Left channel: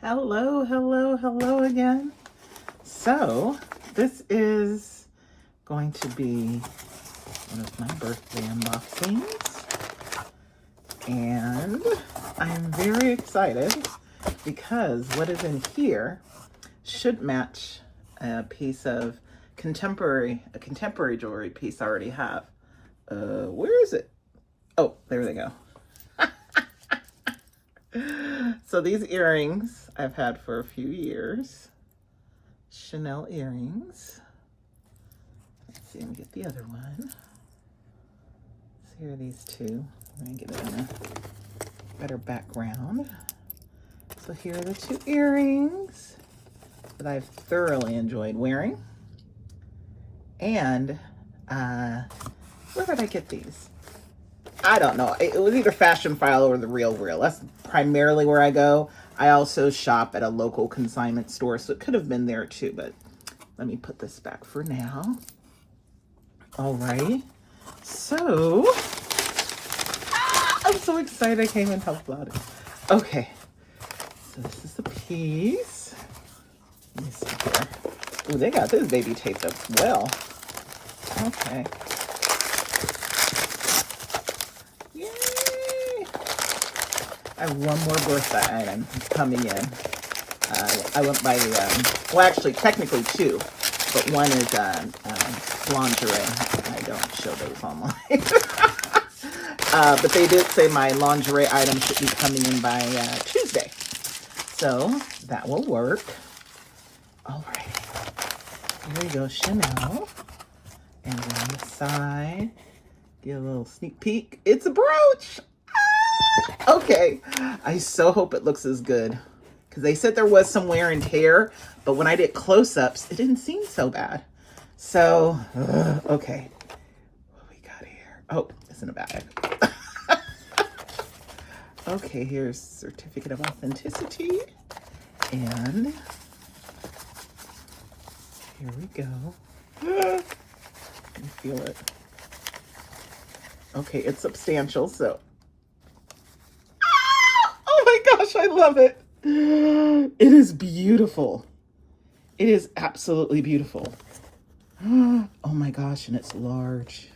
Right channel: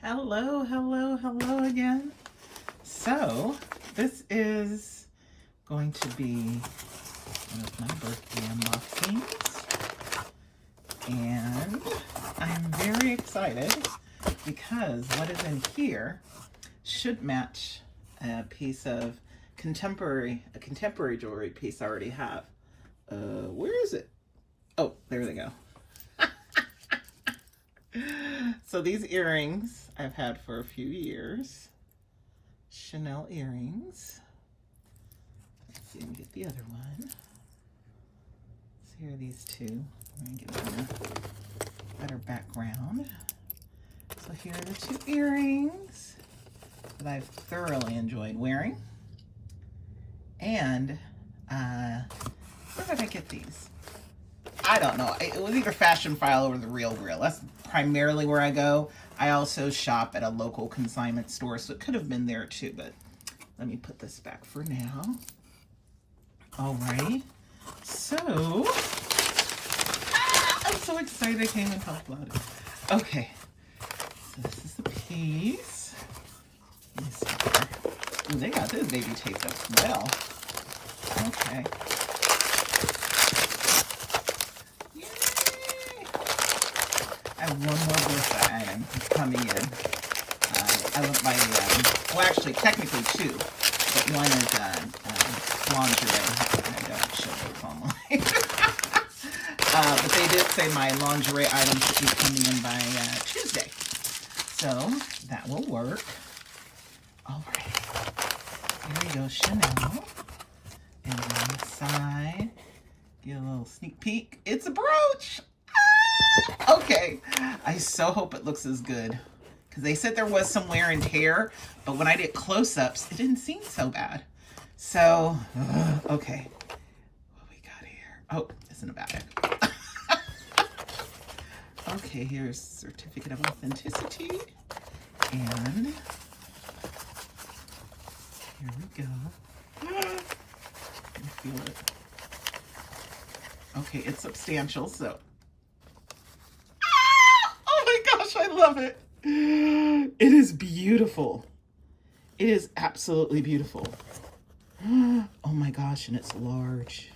Hello, hello, hello again. So, this is going to be one of my birthday unboxings. And I'm very excited because what is in here should match a piece of contemporary jewelry piece I already have. Where is it? Oh, there they go. So these earrings I've had for a few years. Chanel earrings. Let's see, let me get the other one. So here are these two. I'm going to get it in a better background. So here are the two earrings that I've thoroughly enjoyed wearing. And where did I get these? I don't know. It was either Fashionphile or The Real Real. That's primarily where I go. I also shop at a local consignment store, so it could have been there too, but let me put this back for now. Alrighty. So, I'm so excited I can't even talk about it. Okay. So this is the piece. Let me see here. Ooh, they got this baby taped up well. Okay. I have one more birthday item coming in. I went by the, well, actually, technically two, but one is lingerie. I don't show those online. But they did say my lingerie item should be coming in by Tuesday. So that will work. All right. Here we go, Chanel. And on the side, get a little sneak peek. It's a brooch. Okay, I so hope it looks as good because they said there was some wear and tear, but when I did close-ups, it didn't seem so bad. So, okay, what we got here? Oh, it's in a bag. Okay, here's certificate of authenticity, and here we go. Let me feel it. Okay, it's substantial, so. I love it. It is beautiful. It is absolutely beautiful. Oh my gosh, and it's large.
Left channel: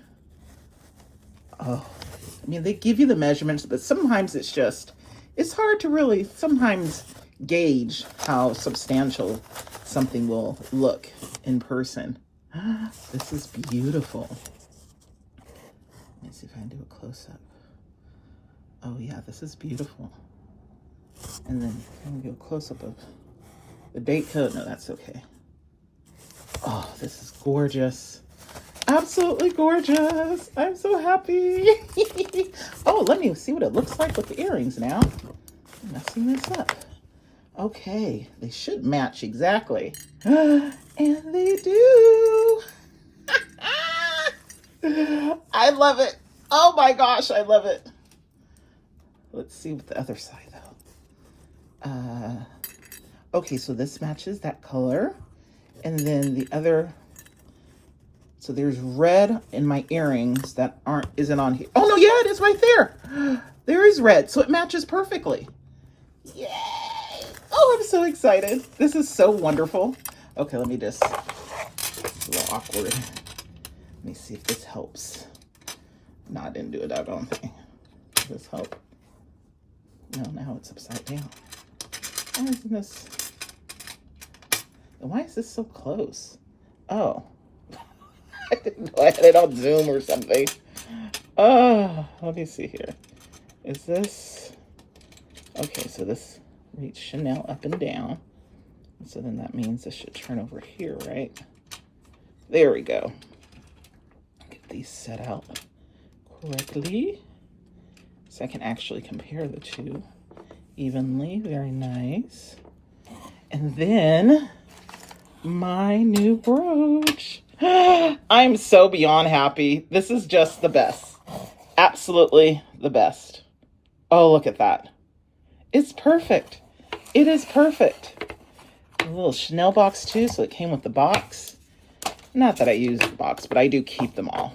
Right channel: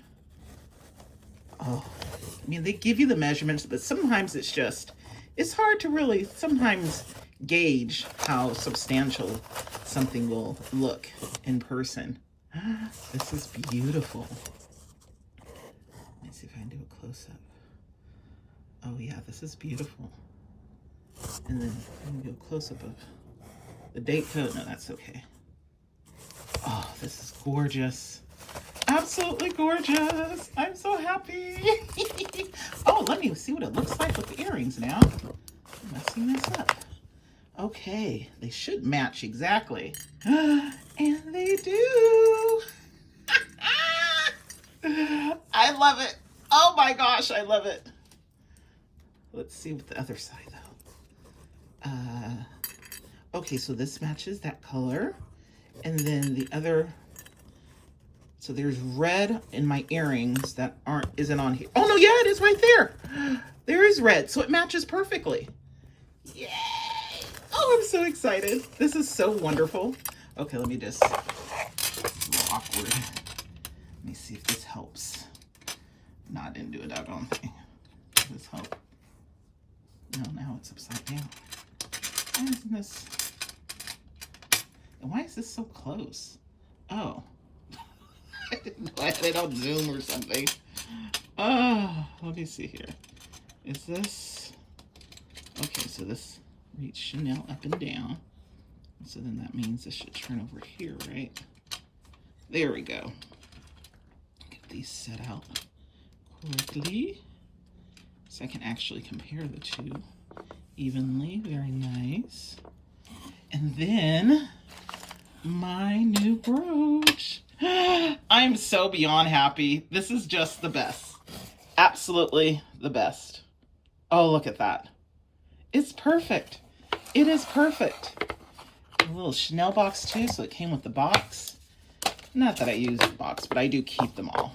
Oh, I mean, they give you the measurements, but sometimes it's hard to really sometimes gauge how substantial something will look in person. This is beautiful. Let me see if I can do a close-up. Oh yeah, this is beautiful. And then I'm gonna go close up of the date code. No, that's okay. Oh, this is gorgeous. Absolutely gorgeous. I'm so happy. Oh, let me see what it looks like with the earrings now. I'm messing this up. Okay, they should match exactly. And they do. I love it. Oh my gosh, I love it. Let's see what the other side though. Okay, so this matches that color. And then the other, so there's red in my earrings that isn't on here. Oh no, yeah, it is right there. There is red, so it matches perfectly. Yay! Oh, I'm so excited. This is so wonderful. Okay, let me just, it's a little awkward. Let me see if this helps. No, I didn't do a doggone thing. Does this help? No, now it's upside down. Why isn't this? Why is this so close? Oh, I didn't know I had it on Zoom or something. Oh, let me see here. Is this okay? So this reads Chanel up and down. So then that means this should turn over here, right? There we go. Get these set out correctly so I can actually compare the two evenly. Very nice. And then my new brooch. I'm so beyond happy. This is just the best. Absolutely the best. Oh, look at that. It's perfect. It is perfect. A little Chanel box too, so it came with the box. Not that I use the box, but I do keep them all.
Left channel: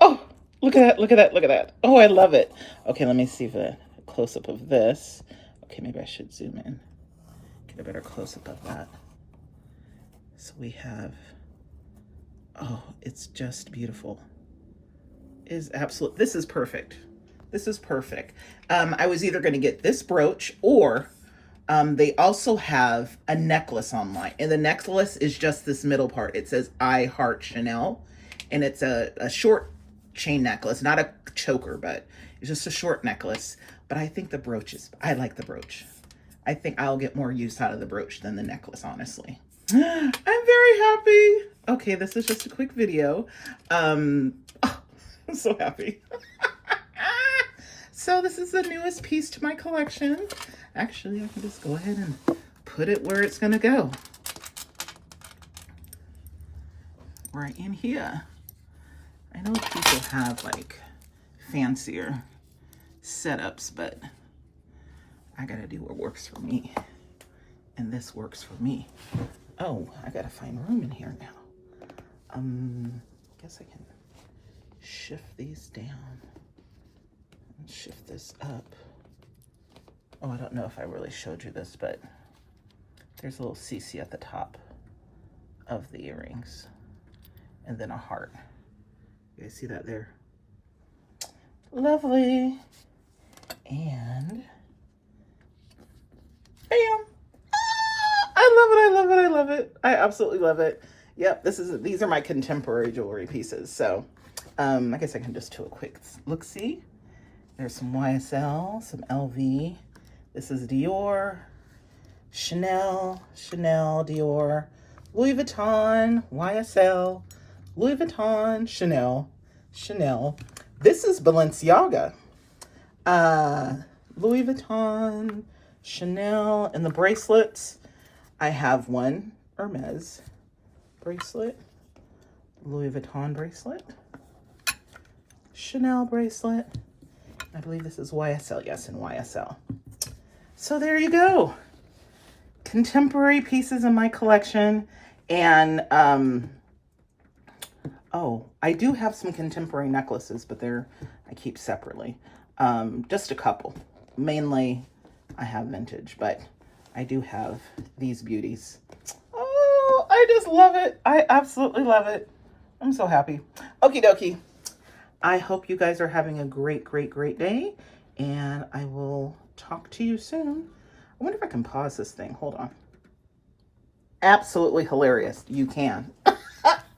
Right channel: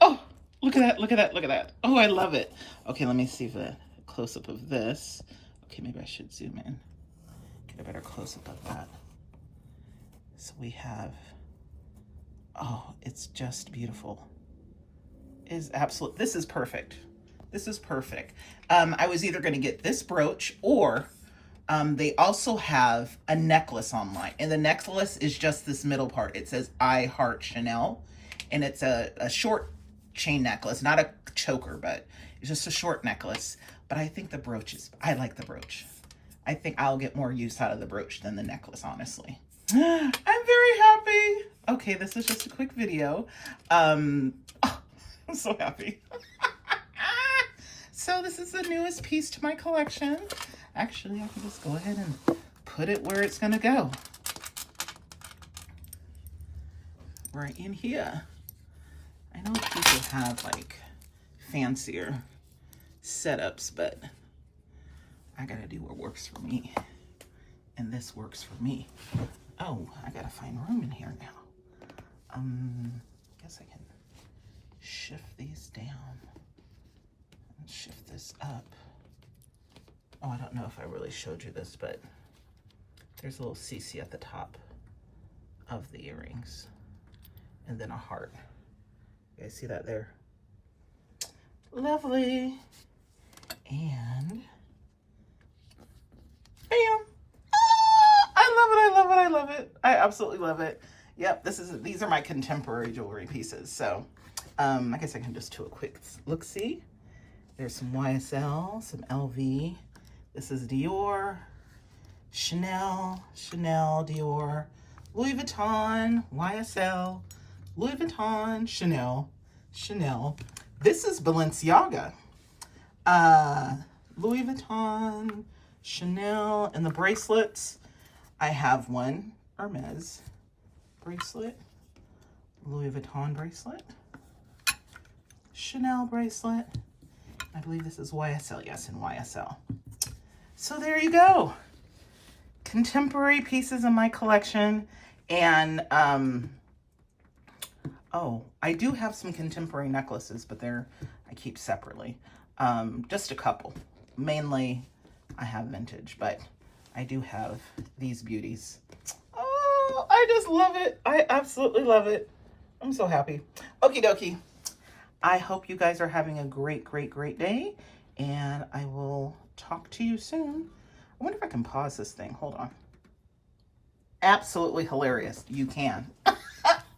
Oh, look at that, look at that, look at that. Oh, I love it. Okay, let me see if close-up of this. Okay, maybe I should zoom in. Get a better close-up of that. So we have, oh, it's just beautiful. It is absolute, this is perfect. This is perfect. I was either going to get this brooch or they also have a necklace online. And the necklace is just this middle part. It says I Heart Chanel. And it's a short chain necklace, not a choker, but it's just a short necklace. But I think the brooch is, I like the brooch. I think I'll get more use out of the brooch than the necklace, honestly. I'm very happy. Okay, this is just a quick video. Oh, I'm so happy. So this is the newest piece to my collection. Actually, I can just go ahead and put it where it's gonna go. Right in here. I know people have like fancier setups, but I gotta do what works for me. And this works for me. Oh, I gotta find room in here now. Guess I can shift these down and shift this up. Oh, I don't know if I really showed you this, but there's a little CC at the top of the earrings and then a heart. You guys see that there? Lovely. And bam. I love it, I love it, I love it. I absolutely love it. Yep, these are my contemporary jewelry pieces. So I guess I can just do a quick look-see. There's some YSL, some LV. This is Dior, Chanel, Dior, Louis Vuitton, YSL, Louis Vuitton, Chanel. This is Balenciaga, Louis Vuitton, Chanel, and the bracelets. I have one Hermes bracelet, Louis Vuitton bracelet, Chanel bracelet. I believe this is YSL, yes, in YSL. So there you go. Contemporary pieces in my collection. And, oh, I do have some contemporary necklaces, but I keep separately. Just a couple. Mainly, I have vintage, but I do have these beauties. Oh, I just love it. I absolutely love it. I'm so happy. Okie dokie. I hope you guys are having a great, great, great day. And I will talk to you soon. I wonder if I can pause this thing. Hold on. Absolutely hilarious. You can. I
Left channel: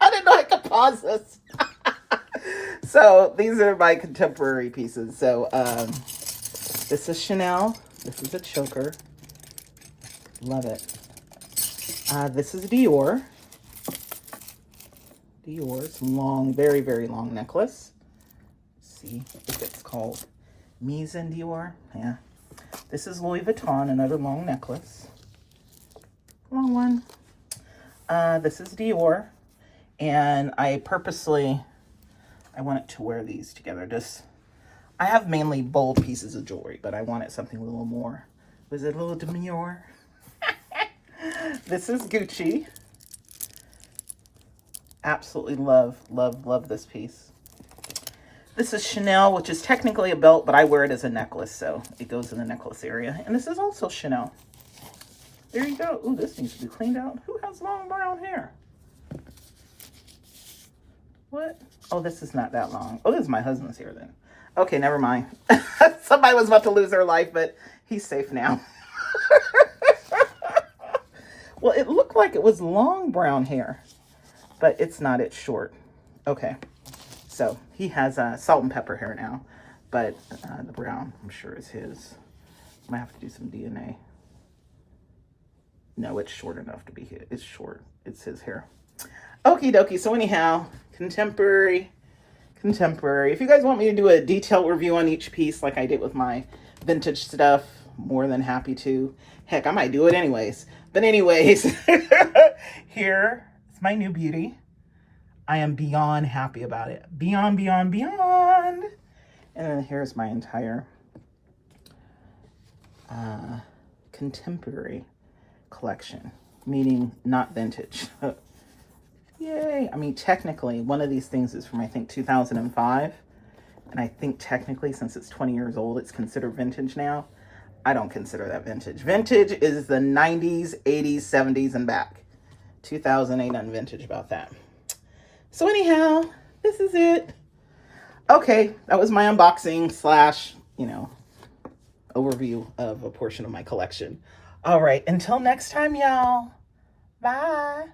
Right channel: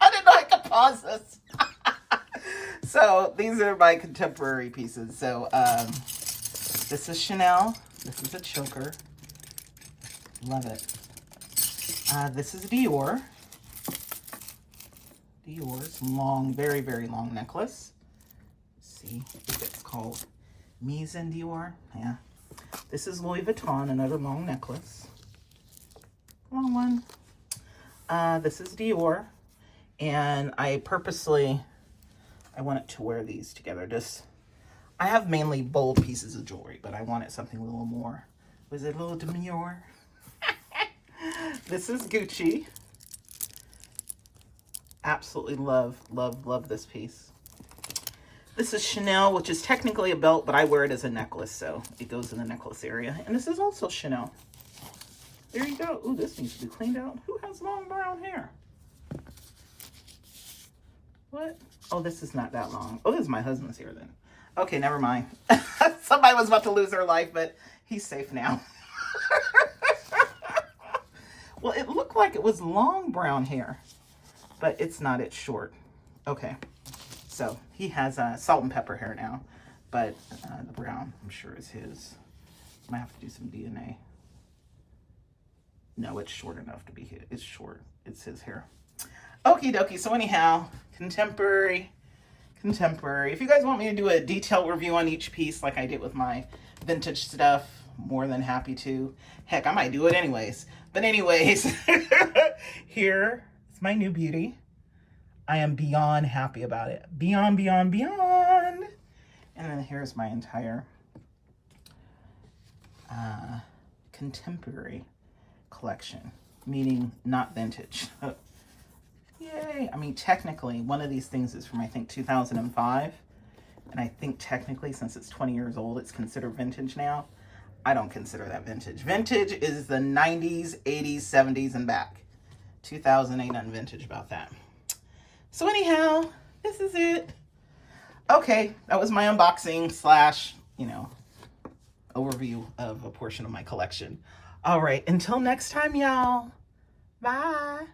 didn't know I could pause this. So these are my contemporary pieces. So this is Chanel. This is a choker. Love it. This is Dior. Dior's long, very, very long necklace. Let's see if it's called Mise en Dior. Yeah. This is Louis Vuitton, another long necklace. Long one. This is Dior. And I wanted to wear these together. I have mainly bold pieces of jewelry, but I wanted something a little more. Was it a little demure? This is Gucci. Absolutely love, love, love this piece. This is Chanel, which is technically a belt, but I wear it as a necklace, so it goes in the necklace area. And this is also Chanel. There you go. Ooh, this needs to be cleaned out. Who has long brown hair? What? Oh, this is not that long. Oh, this is my husband's hair then. Okay, never mind. Somebody was about to lose their life, but he's safe now. Well, it looked like it was long brown hair, but it's not. It's short. Okay. So he has salt and pepper hair now, but the brown, I'm sure, is his. I might have to do some DNA. No, it's short enough to be his. It's short. It's his hair. Okie dokie. So anyhow, contemporary. If you guys want me to do a detailed review on each piece like I did with my vintage stuff, more than happy to. Heck, I might do it anyways. But anyways, here is my new beauty. I am beyond happy about it. Beyond. And then here's my entire contemporary collection, meaning not vintage. Yay. I mean, technically, one of these things is from, I think, 2005. And I think technically, since it's 20 years old, it's considered vintage now. I don't consider that vintage. Vintage is the 90s, 80s, 70s, and back. 2000 ain't nothing vintage about that. So anyhow, this is it. Okay, that was my unboxing slash, overview of a portion of my collection. All right, until next time, y'all. Bye.